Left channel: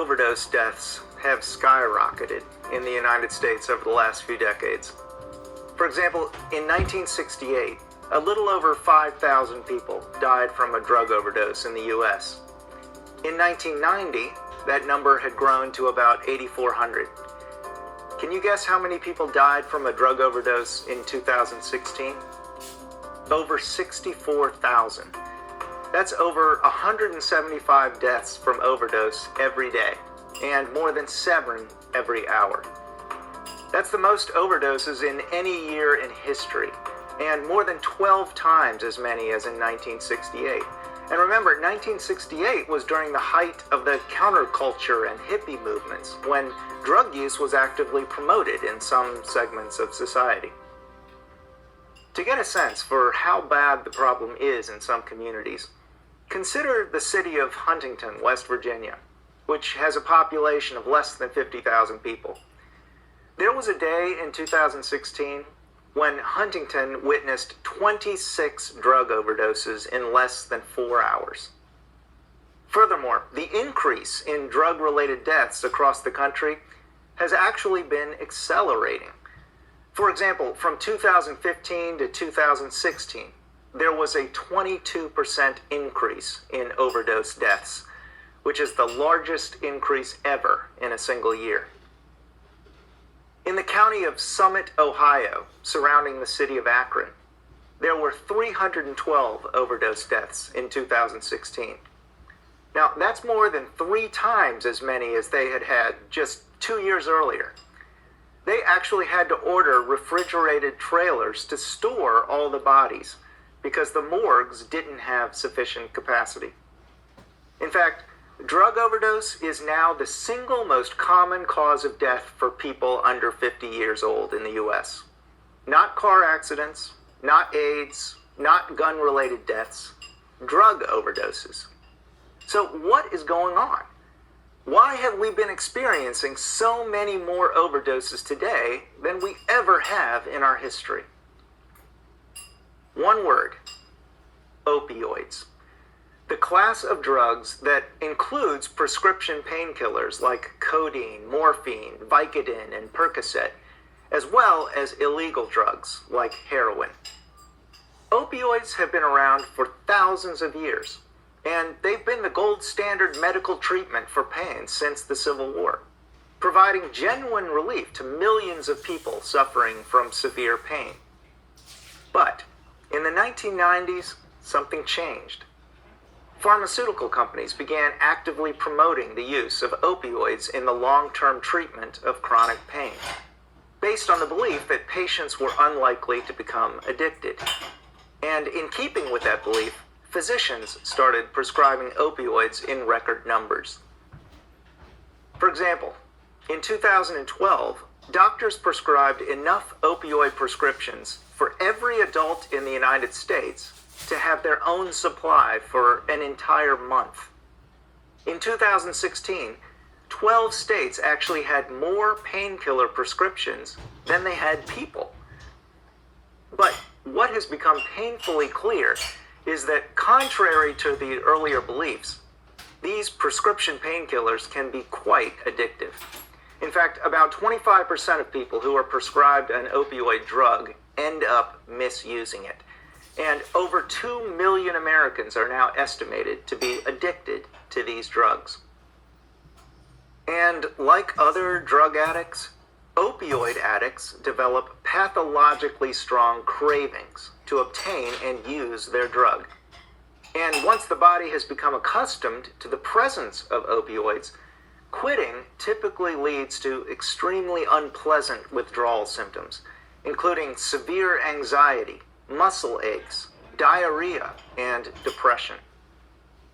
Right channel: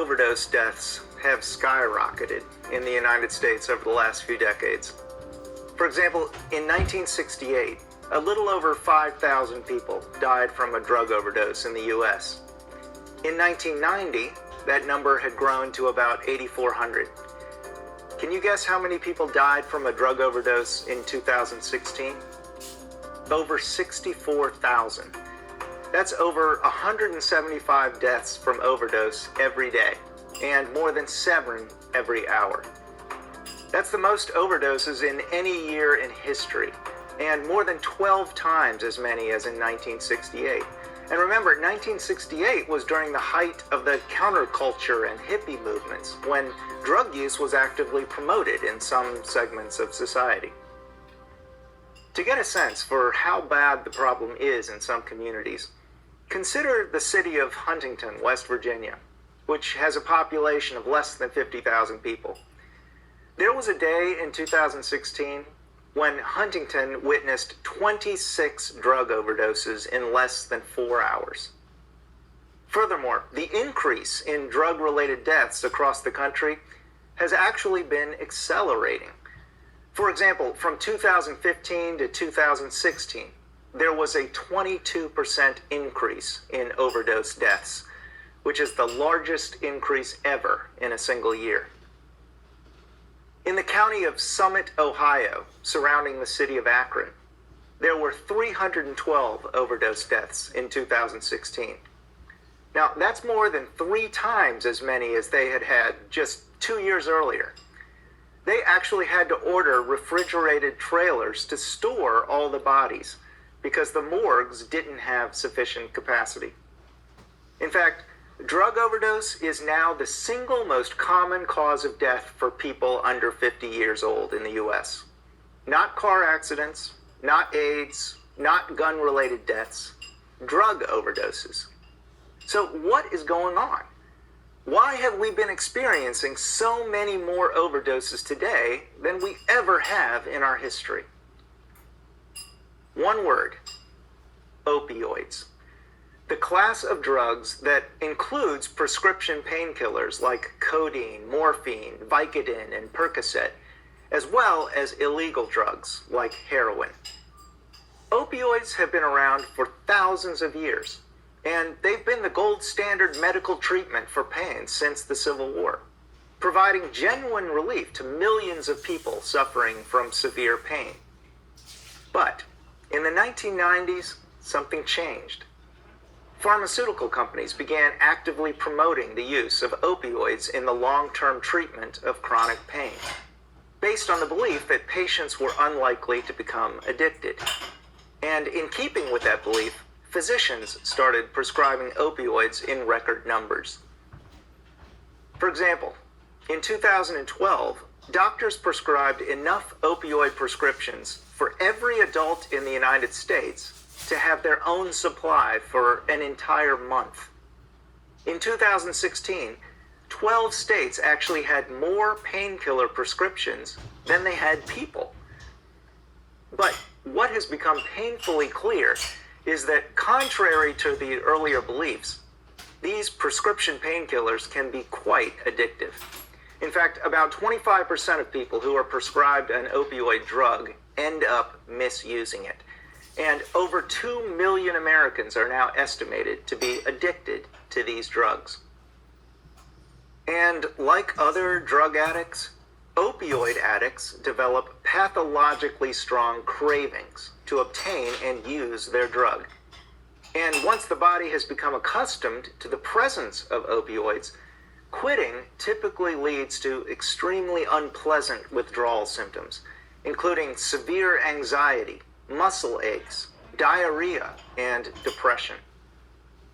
overdose deaths have skyrocketed in the United States over the last few decades. For example, in 1968, a little over 5,000 people died from a drug overdose in the U.S. In 1990, that number had grown to about 8,400. Can you guess how many people died from a drug overdose in 2016? Over 64,000. That's over 175 deaths from overdose every day, and more than 7 every hour. That's the most overdoses in any year in history, and more than 12 times as many as in 1968. And remember, 1968 was during the height of the counterculture and hippie movements, when drug use was actively promoted in some segments of society. To get a sense for how bad the problem is in some communities, consider the city of Huntington, West Virginia, which has a population of less than 50,000 people. There was a day in 2016 when Huntington witnessed 26 drug overdoses in less than 4 hours. Furthermore, the increase in drug-related deaths across the country has actually been accelerating. For example, from 2015 to 2016, there was a 22% increase in overdose deaths, which is the largest increase ever in a single year. In the county of Summit, Ohio, surrounding the city of Akron, there were 312 overdose deaths in 2016. Now, that's more than 3 times as many as they had had just 2 years earlier. They actually had to order refrigerated trailers to store all the bodies because the morgues didn't have sufficient capacity. In fact, drug overdose is now the single most common cause of death for people under 50 years old in the U.S. Not car accidents, not AIDS, not gun-related deaths, drug overdoses. So what is going on? Why have we been experiencing so many more overdoses today than we ever have in our history? One word: opioids. The class of drugs that includes prescription painkillers like codeine, morphine, Vicodin, and Percocet, as well as illegal drugs like heroin. Opioids have been around for thousands of years, and they've been the gold standard medical treatment for pain since the Civil War, providing genuine relief to millions of people suffering from severe pain. But in the 1990s, something changed. Pharmaceutical companies began actively promoting the use of opioids in the long-term treatment of chronic pain, based on the belief that patients were unlikely to become addicted. And in keeping with that belief, physicians started prescribing opioids in record numbers. For example, in 2012, doctors prescribed enough opioid prescriptions for every adult in the United States to have their own supply for an entire month. In 2016, 12 states actually had more painkiller prescriptions than they had people. But what has become painfully clear is that, contrary to the earlier beliefs, these prescription painkillers can be quite addictive. In fact, about 25% of people who are prescribed an opioid drug end up misusing it. And over 2 million Americans are now estimated to be addicted to these drugs. And like other drug addicts, opioid addicts develop pathologically strong cravings to obtain and use their drug. And once the body has become accustomed to the presence of opioids, quitting typically leads to extremely unpleasant withdrawal symptoms, including severe anxiety, muscle aches, diarrhea, and depression.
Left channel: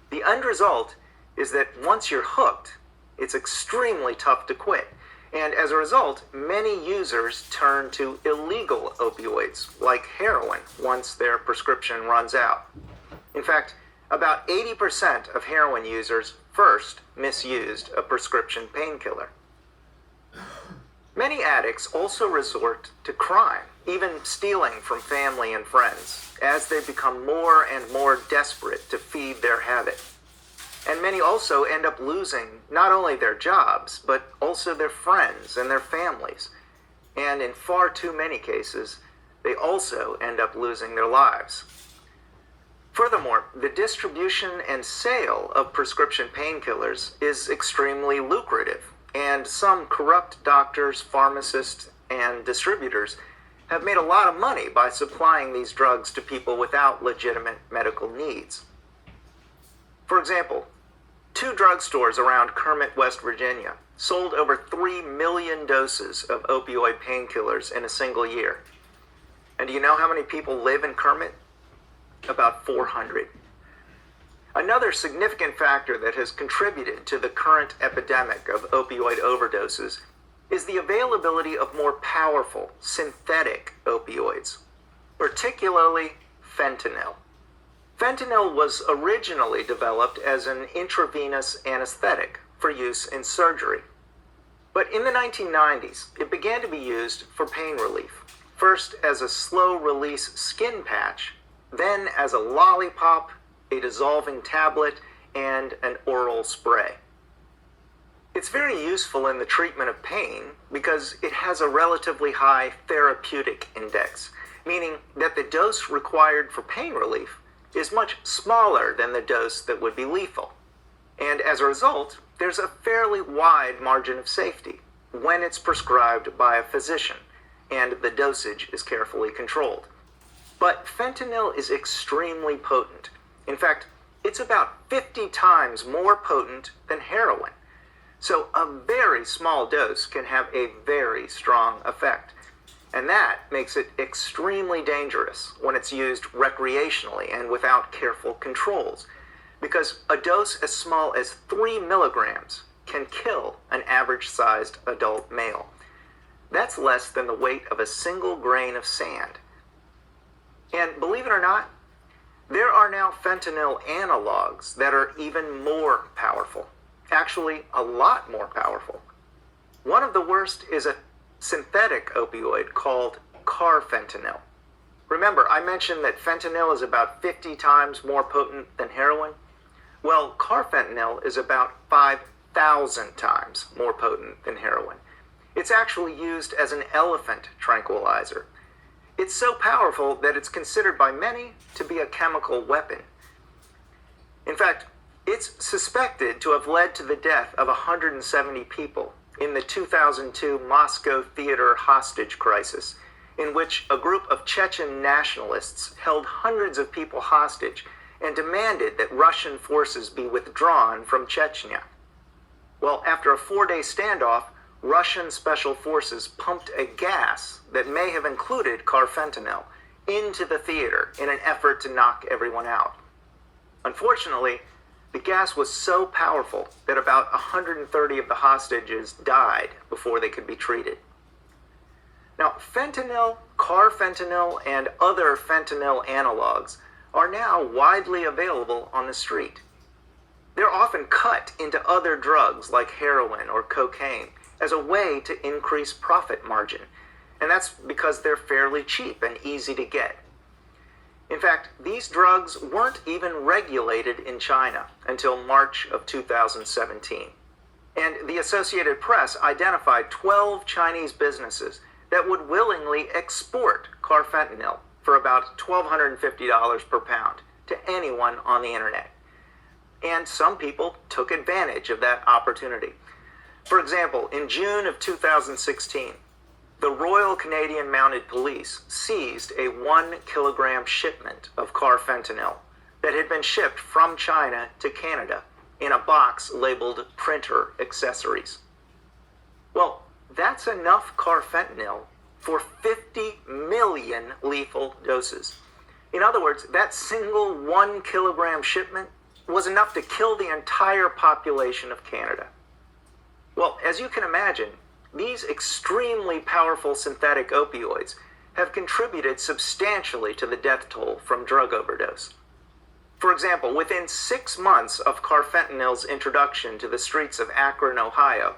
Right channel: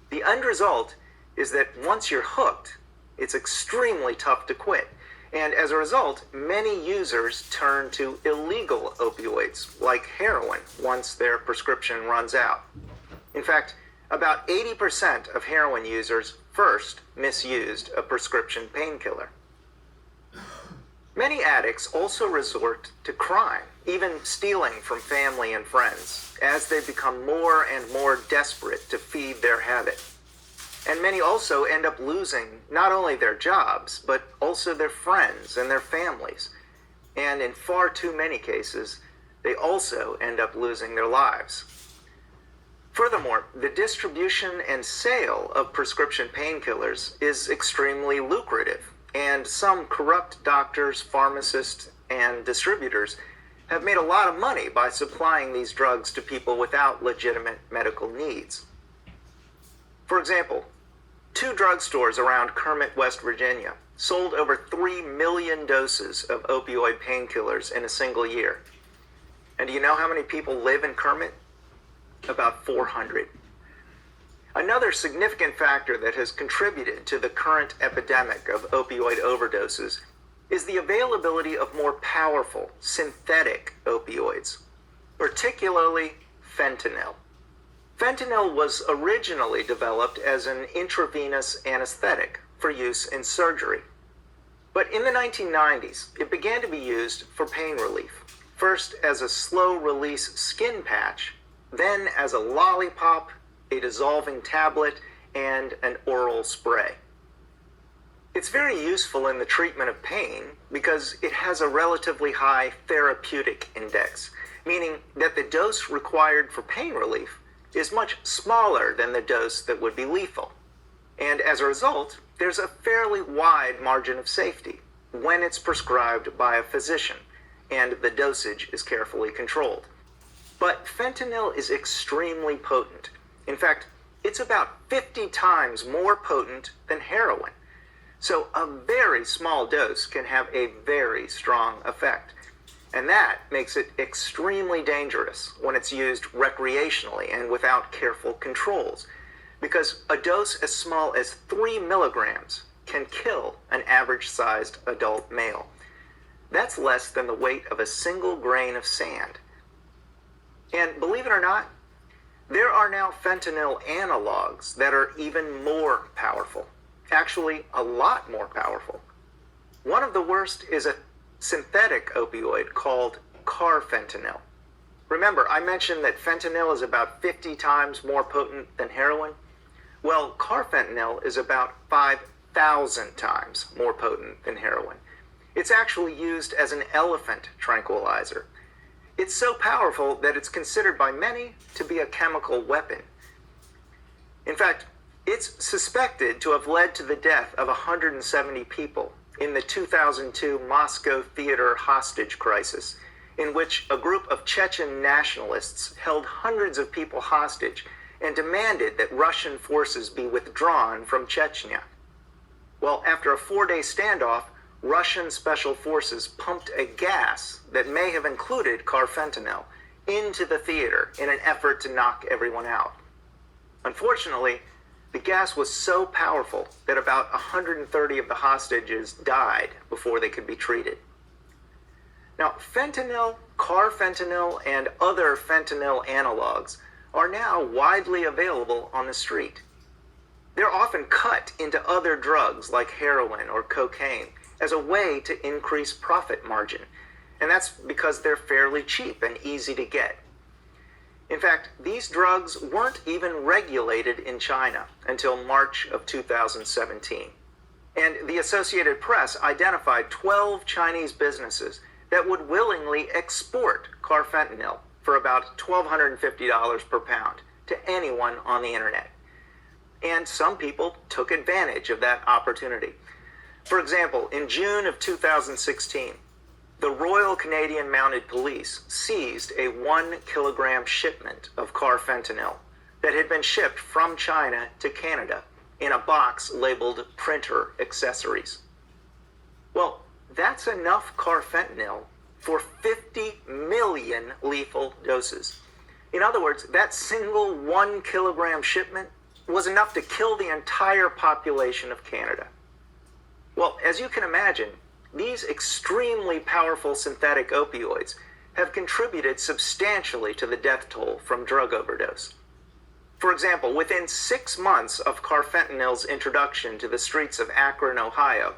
The end result is that once you're hooked, it's extremely tough to quit. And as a result, many users turn to illegal opioids, like heroin, once their prescription runs out. In fact, about 80% of heroin users first misused a prescription painkiller. Many addicts also resort to crime, even stealing from family and friends, as they become more and more desperate to feed their habit. And many also end up losing not only their jobs, but also their friends and their families. And in far too many cases, they also end up losing their lives. Furthermore, the distribution and sale of prescription painkillers is extremely lucrative, and some corrupt doctors, pharmacists, and distributors have made a lot of money by supplying these drugs to people without legitimate medical needs. For example, 2 drugstores around Kermit, West Virginia, sold over 3 million doses of opioid painkillers in a single year. And do you know how many people live in Kermit? About 400. Another significant factor that has contributed to the current epidemic of opioid overdoses is the availability of more powerful synthetic opioids, particularly fentanyl. Fentanyl was originally developed as an intravenous anesthetic for use in surgery. But in the 1990s, it began to be used for pain relief, first as a slow-release skin patch, then as a lollipop, a dissolving tablet, and an oral spray. It's very useful in the treatment of pain because it has a relatively high therapeutic index, meaning that the dose required for pain relief is much smaller than the dose that would be lethal. And as a result, there's a fairly wide margin of safety when it's prescribed by a physician and the dosage is carefully controlled. But fentanyl is extremely potent. In fact, it's about 50 times more potent than heroin. So a very small dose can have a very strong effect. And that makes it extremely dangerous when it's used recreationally and without careful controls, because a dose as small as 3 milligrams can kill an average-sized adult male. That's less than the weight of a single grain of sand. And believe it or not, there are now fentanyl analogs that are even more powerful. Actually, a lot more powerful. One of the worst is a synthetic opioid called carfentanil. Remember, I mentioned that fentanyl is about 50 times more potent than heroin? Well, carfentanil is about 5,000 times more potent than heroin. It's actually used as an elephant tranquilizer. It's so powerful that it's considered by many to be a chemical weapon. In fact, it's suspected to have led to the death of 170 people in the 2002 Moscow theater hostage crisis, in which a group of Chechen nationalists held hundreds of people hostage and demanded that Russian forces be withdrawn from Chechnya. Well, after a 4-day standoff, Russian special forces pumped a gas that may have included carfentanil into the theater in an effort to knock everyone out. Unfortunately, the gas was so powerful that about 130 of the hostages died before they could be treated. Now, fentanyl, carfentanil, and other fentanyl analogs are now widely available on the street. They're often cut into other drugs like heroin or cocaine as a way to increase profit margin, and that's because they're fairly cheap and easy to get. In fact, these drugs weren't even regulated in China until March of 2017. And the Associated Press identified 12 Chinese businesses that would willingly export carfentanil for about $1,250 per pound to anyone on the internet. And some people took advantage of that opportunity. For example, in June of 2016, the Royal Canadian Mounted Police seized a 1-kilogram shipment of carfentanil that had been shipped from China to Canada in a box labeled printer accessories. Well, that's enough carfentanil for 50 million lethal doses. In other words, that single 1-kilogram shipment was enough to kill the entire population of Canada. Well, as you can imagine, these extremely powerful synthetic opioids have contributed substantially to the death toll from drug overdose. For example, within 6 months of carfentanil's introduction to the streets of Akron, Ohio,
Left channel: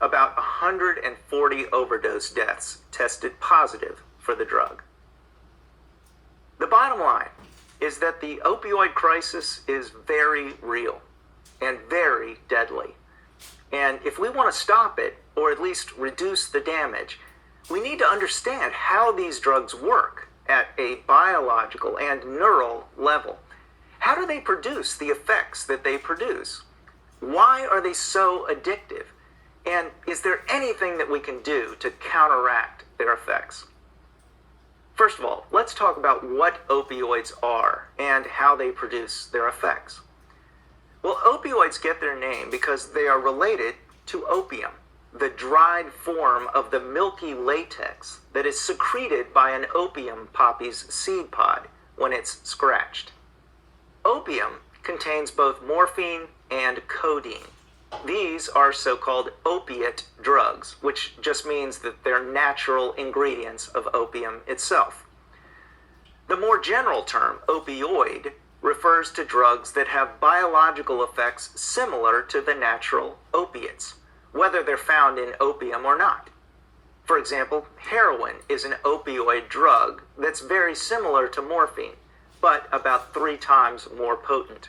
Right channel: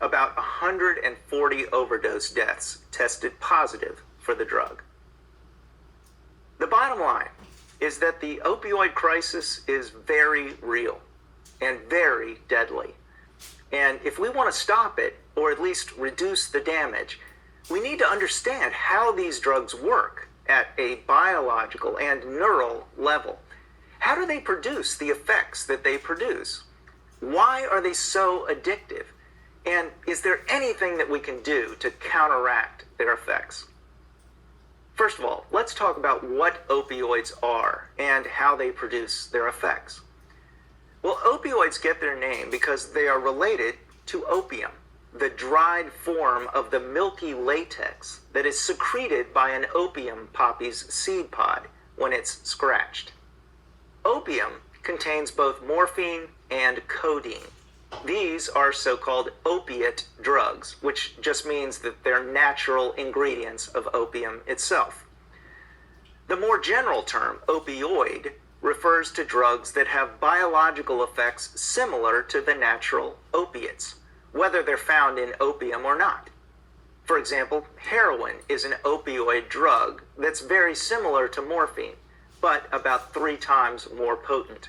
about 140 overdose deaths tested positive for the drug. The bottom line is that the opioid crisis is very real. and very deadly. And if we want to stop it, or at least reduce the damage, we need to understand how these drugs work at a biological and neural level. How do they produce the effects that they produce? Why are they so addictive? And is there anything that we can do to counteract their effects? First of all, let's talk about what opioids are and how they produce their effects. Well, opioids get their name because they are related to opium, the dried form of the milky latex that is secreted by an opium poppy's seed pod when it's scratched. Opium contains both morphine and codeine. These are so-called opiate drugs, which just means that they're natural ingredients of opium itself. The more general term, opioid, refers to drugs that have biological effects similar to the natural opiates, whether they're found in opium or not. For example, heroin is an opioid drug that's very similar to morphine, but about 3 times more potent.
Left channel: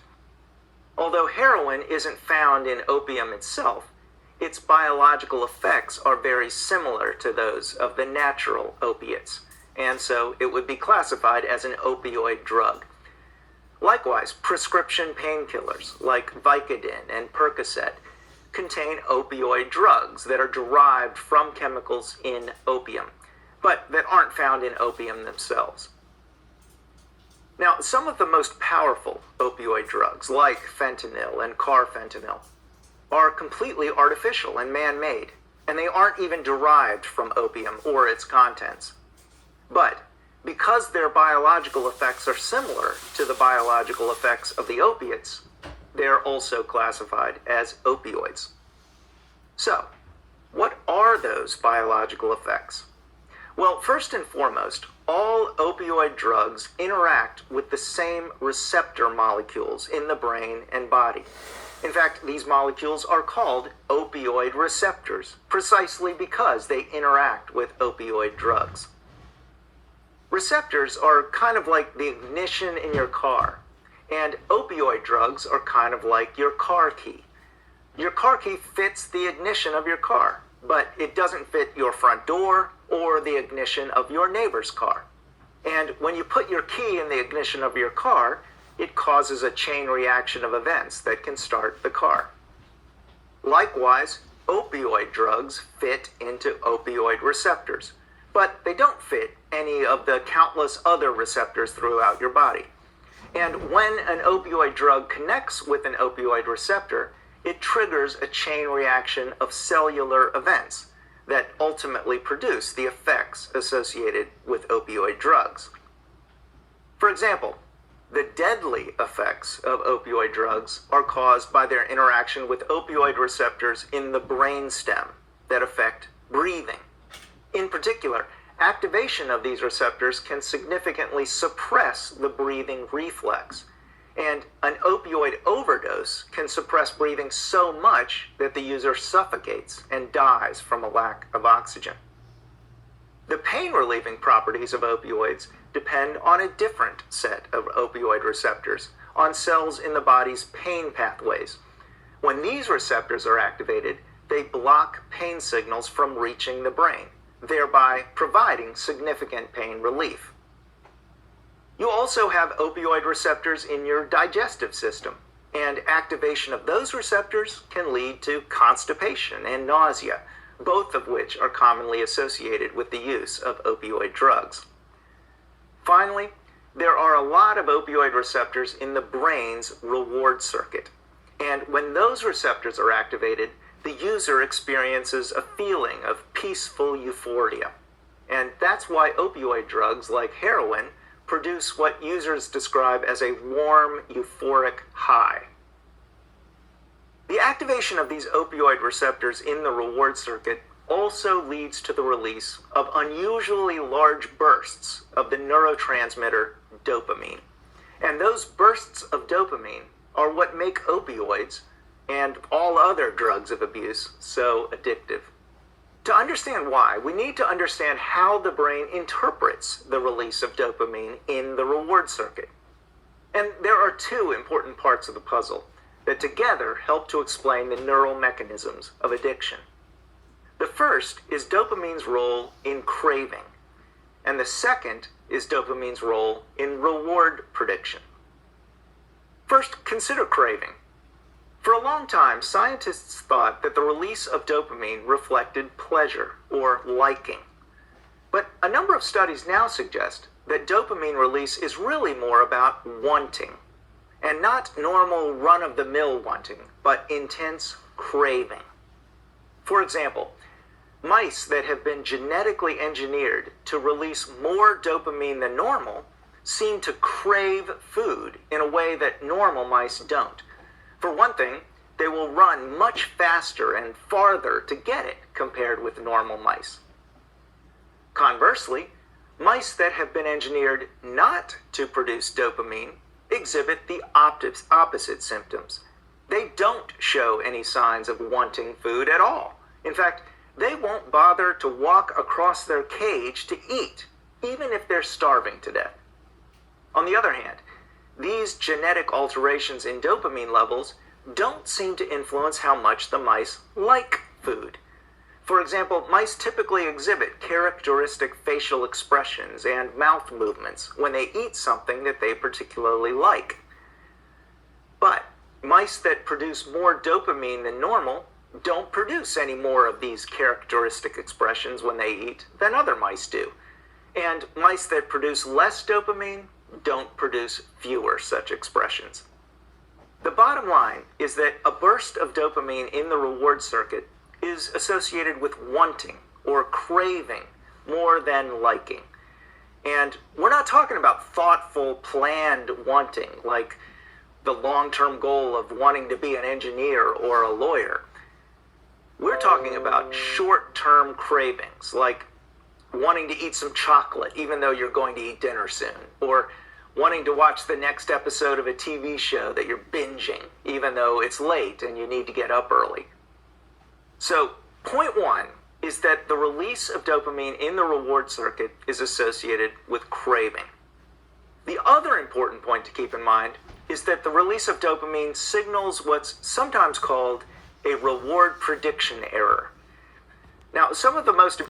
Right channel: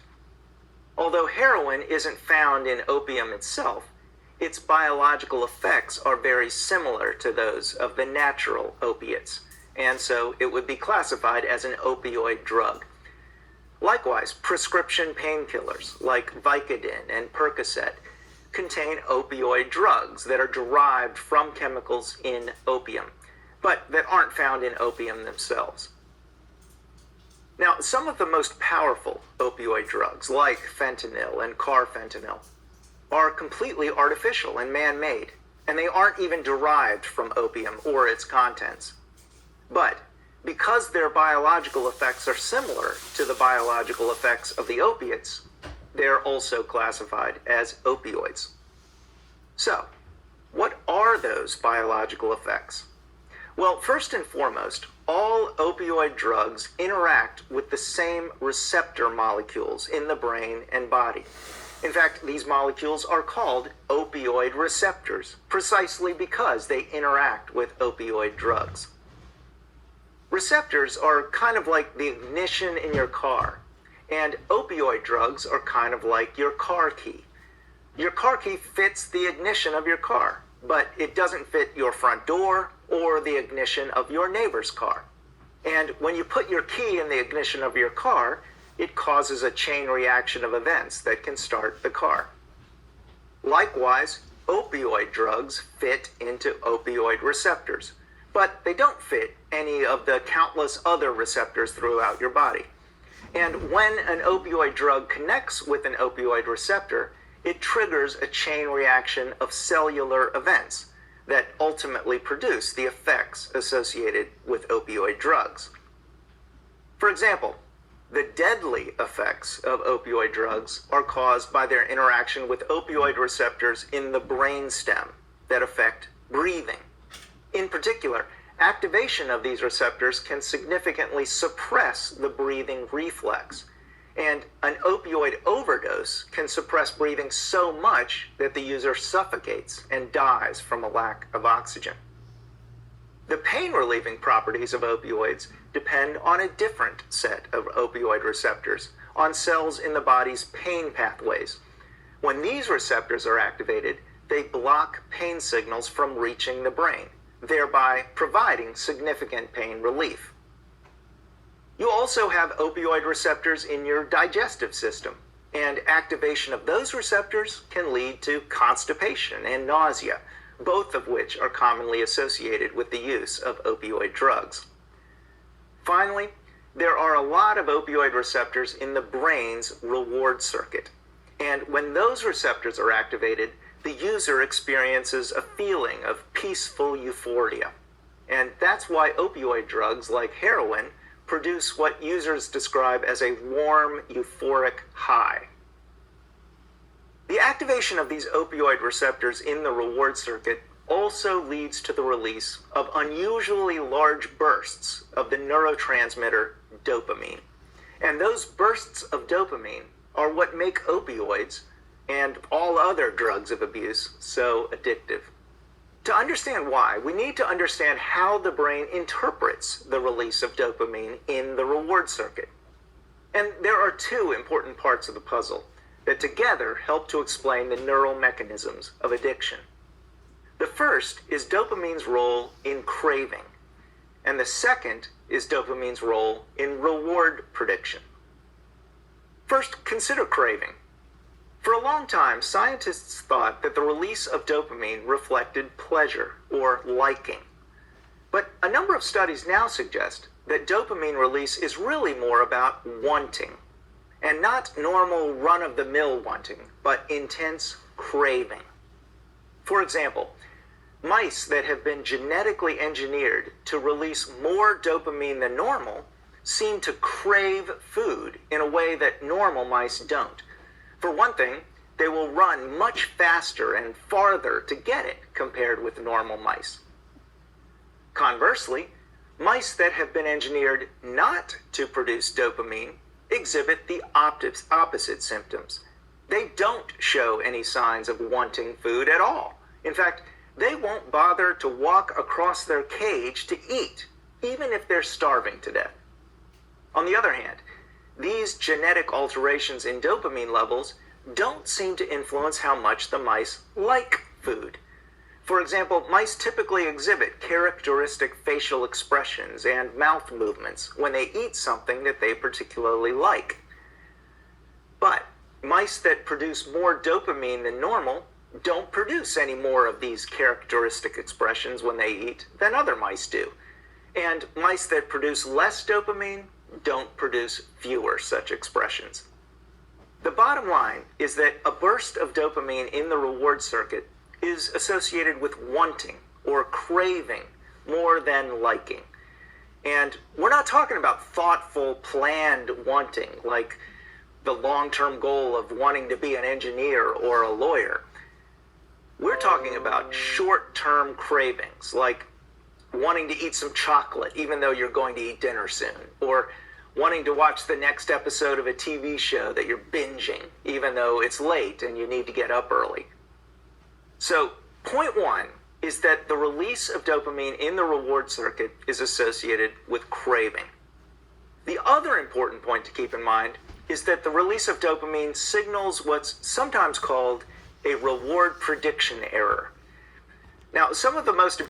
Although heroin isn't found in opium itself, its biological effects are very similar to those of the natural opiates, and so it would be classified as an opioid drug. Likewise, prescription painkillers like Vicodin and Percocet contain opioid drugs that are derived from chemicals in opium, but that aren't found in opium themselves. Now, some of the most powerful opioid drugs, like fentanyl and carfentanil, are completely artificial and man-made, and they aren't even derived from opium or its contents. But because their biological effects are similar to the biological effects of the opiates, they're also classified as opioids. So, what are those biological effects? Well, first and foremost, all opioid drugs interact with the same receptor molecules in the brain and body. In fact, these molecules are called opioid receptors, precisely because they interact with opioid drugs. Receptors are kind of like the ignition in your car, and opioid drugs are kind of like your car key. Your car key fits the ignition of your car, but it doesn't fit your front door or the ignition of your neighbor's car. And when you put your key in the ignition of your car, it causes a chain reaction of events that can start the car. Likewise, opioid drugs fit into opioid receptors, but they don't fit any of the countless other receptors throughout your body. And when an opioid drug connects with an opioid receptor, it triggers a chain reaction of cellular events that ultimately produce the effects associated with opioid drugs. For example, the deadly effects of opioid drugs are caused by their interaction with opioid receptors in the brainstem that affect breathing. In particular, activation of these receptors can significantly suppress the breathing reflex, and an opioid overdose can suppress breathing so much that the user suffocates and dies from a lack of oxygen. The pain-relieving properties of opioids depend on a different set of opioid receptors, on cells in the body's pain pathways. When these receptors are activated, they block pain signals from reaching the brain, thereby providing significant pain relief. You also have opioid receptors in your digestive system, and activation of those receptors can lead to constipation and nausea, both of which are commonly associated with the use of opioid drugs. Finally, there are a lot of opioid receptors in the brain's reward circuit, and when those receptors are activated, the user experiences a feeling of peaceful euphoria. And that's why opioid drugs like heroin produce what users describe as a warm, euphoric high. The activation of these opioid receptors in the reward circuit also leads to the release of unusually large bursts of the neurotransmitter dopamine. And those bursts of dopamine are what make opioids and all other drugs of abuse so addictive. To understand why, we need to understand how the brain interprets the release of dopamine in the reward circuit. And there are 2 important parts of the puzzle. that together help to explain the neural mechanisms of addiction. The first is dopamine's role in craving, and the second is dopamine's role in reward prediction. First, consider craving. For a long time, scientists thought that the release of dopamine reflected pleasure or liking. But a number of studies now suggest that dopamine release is really more about wanting, and not normal run-of-the-mill wanting, but intense craving. For example, mice that have been genetically engineered to release more dopamine than normal seem to crave food in a way that normal mice don't. For one thing, they will run much faster and farther to get it compared with normal mice. Conversely, mice that have been engineered not to produce dopamine exhibit the opposite symptoms. They don't show any signs of wanting food at all. In fact, they won't bother to walk across their cage to eat, even if they're starving to death. On the other hand, these genetic alterations in dopamine levels don't seem to influence how much the mice like food. For example, mice typically exhibit characteristic facial expressions and mouth movements when they eat something that they particularly like. But mice that produce more dopamine than normal don't produce any more of these characteristic expressions when they eat than other mice do. And mice that produce less dopamine don't produce fewer such expressions. The bottom line is that a burst of dopamine in the reward circuit is associated with wanting or craving more than liking. And we're not talking about thoughtful, planned wanting, like the long-term goal of wanting to be an engineer or a lawyer. We're talking about short-term cravings, like wanting to eat some chocolate even though you're going to eat dinner soon, or wanting to watch the next episode of a TV show that you're binging even though it's late and you need to get up early. So, point one is that the release of dopamine in the reward circuit is associated with craving. The other important point to keep in mind is that the release of dopamine signals what's sometimes called a reward prediction error. Now, some of the most